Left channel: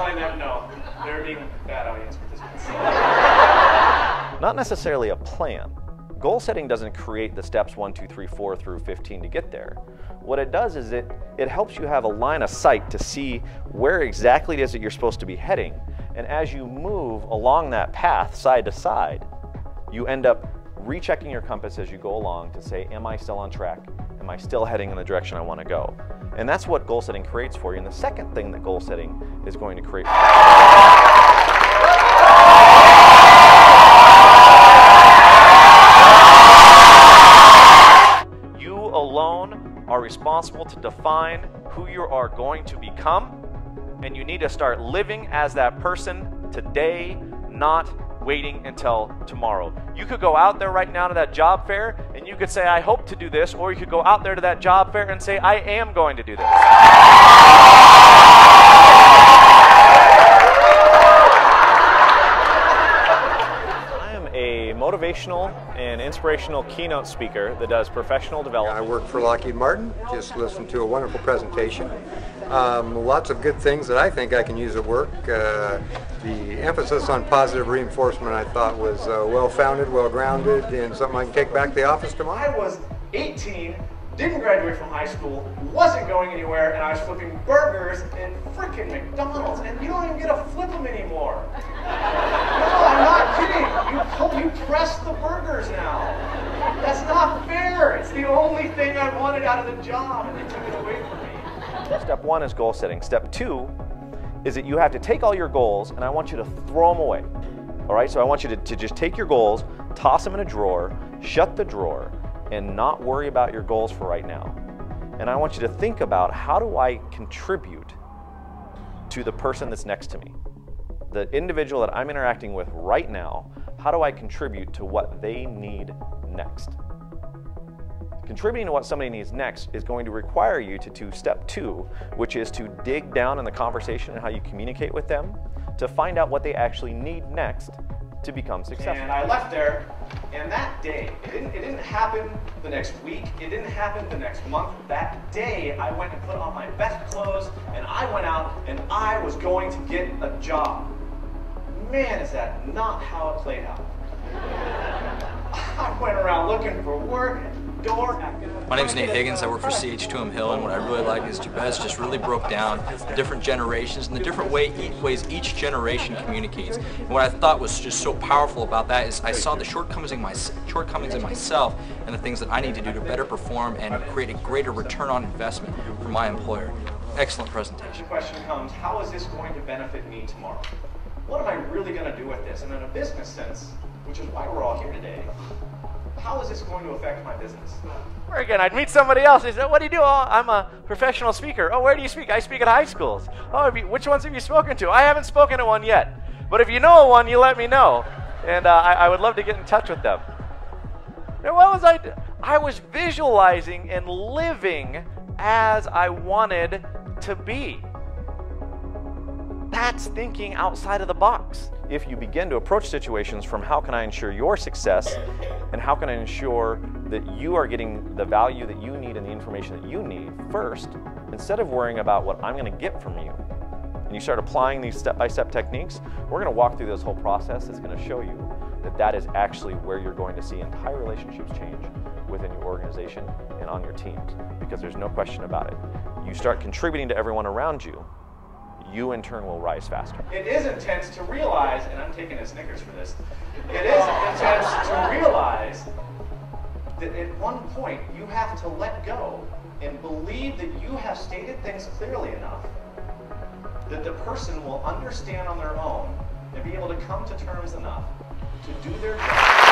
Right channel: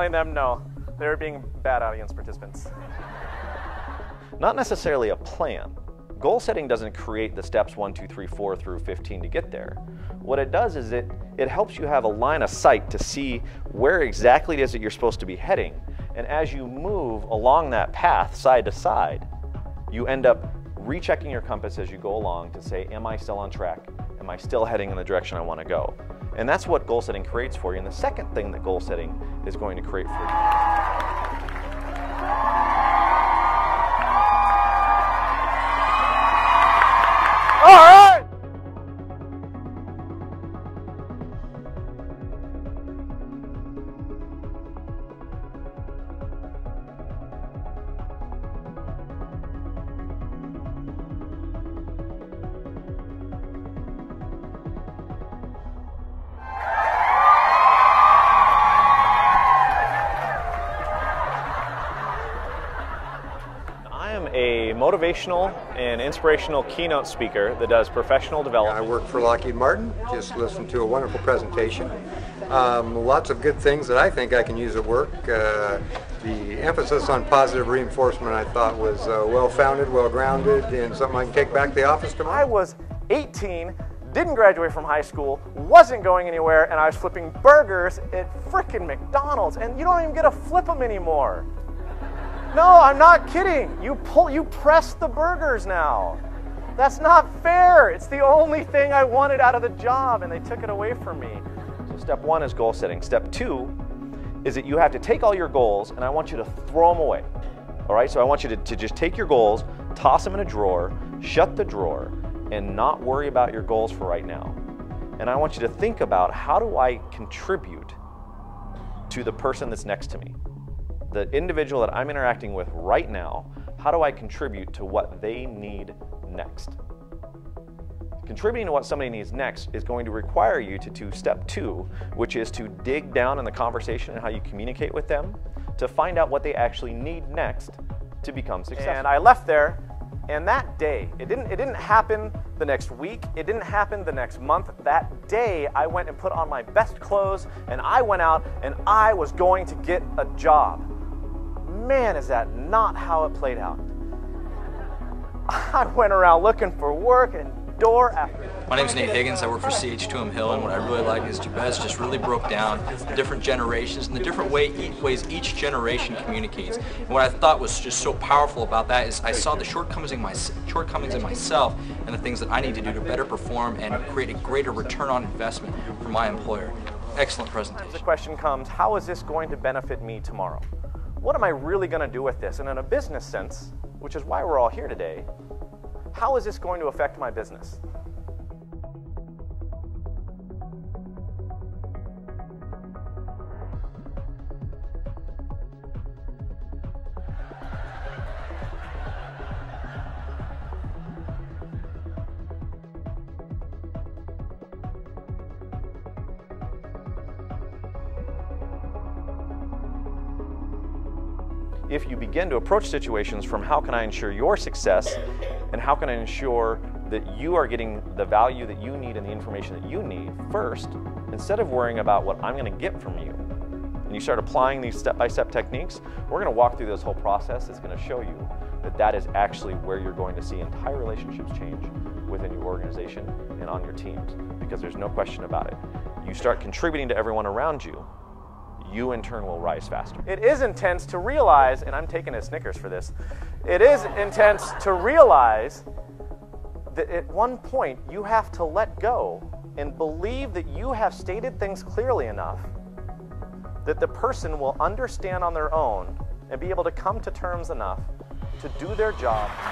telling them no. They're being bad audience participants. Not necessarily a plan. Goal setting doesn't create the steps 1, 2, 3, 4 through 15 to get there. What it does is it helps you have a line of sight to see where exactly it is that you're supposed to be heading. And as you move along that path side to side, you end up rechecking your compass as you go along to say, am I still on track? Am I still heading in the direction I want to go? And that's what goal setting creates for you. And the second thing that goal setting is going to create for you. You alone are responsible to define who you are going to become, and you need to start living as that person today, not waiting until tomorrow. You could go out there right now to that job fair and you could say, I hope to do this, or you could go out there to that job fair and say, I am going to do this. I am a motivational and inspirational keynote speaker that does professional development. I work for Lockheed Martin. Just listened to a wonderful presentation. Lots of good things that I think I can use at work. The emphasis on positive reinforcement I thought was well-founded, well-grounded, and something I can take back to the office tomorrow. I was 18, didn't graduate from high school, wasn't going anywhere, and I was flipping burgers at frickin' McDonald's, and you don't even get to flip them anymore. No, I'm not kidding. You press the burgers now. That's not fair. It's the only thing I wanted out of the job, and they took it away from me. Step 1 is goal setting. Step 2 is that you have to take all your goals and I want you to throw them away. All right, so I want you to just take your goals, toss them in a drawer, shut the drawer, and not worry about your goals for right now. And I want you to think about, how do I contribute to the person that's next to me? The individual that I'm interacting with right now, how do I contribute to what they need next? Contributing to what somebody needs next is going to require you to do step 2, which is to dig down in the conversation and how you communicate with them to find out what they actually need next to become successful. And I left there, and that day, it didn't happen the next week, it didn't happen the next month. That day, I went and put on my best clothes, and I went out, and I was going to get a job. Man, is that not how it played out. I went around looking for work, and My name is Nate Higgins. I work for CH2M Hill, and what I really like is Jabez just really broke down the different generations and the different ways each generation communicates. And what I thought was just so powerful about that is I saw the shortcomings in myself and the things that I need to do to better perform and create a greater return on investment for my employer. Excellent presentation. The question comes, how is this going to benefit me tomorrow? What am I really going to do with this? And in a business sense, which is why we're all here today, how is this going to affect my business? Or again, I'd meet somebody else. They said, what do you do? Oh, I'm a professional speaker. Oh, where do you speak? I speak at high schools. Oh, which ones have you spoken to? I haven't spoken to one yet. But if you know one, you let me know. And I would love to get in touch with them. And what was I doing? I was visualizing and living as I wanted to be. That's thinking outside of the box. If you begin to approach situations from how can I ensure your success and how can I ensure that you are getting the value that you need and the information that you need first, instead of worrying about what I'm going to get from you, and you start applying these step-by-step techniques, we're going to walk through this whole process that's going to show you that that is actually where you're going to see entire relationships change within your organization and on your teams, because there's no question about it. You start contributing to everyone around you, you in turn will rise faster. It is intense to realize, and I'm taking a Snickers for this, it is intense to realize that at one point you have to let go and believe that you have stated things clearly enough that the person will understand on their own and be able to come to terms enough to do their job.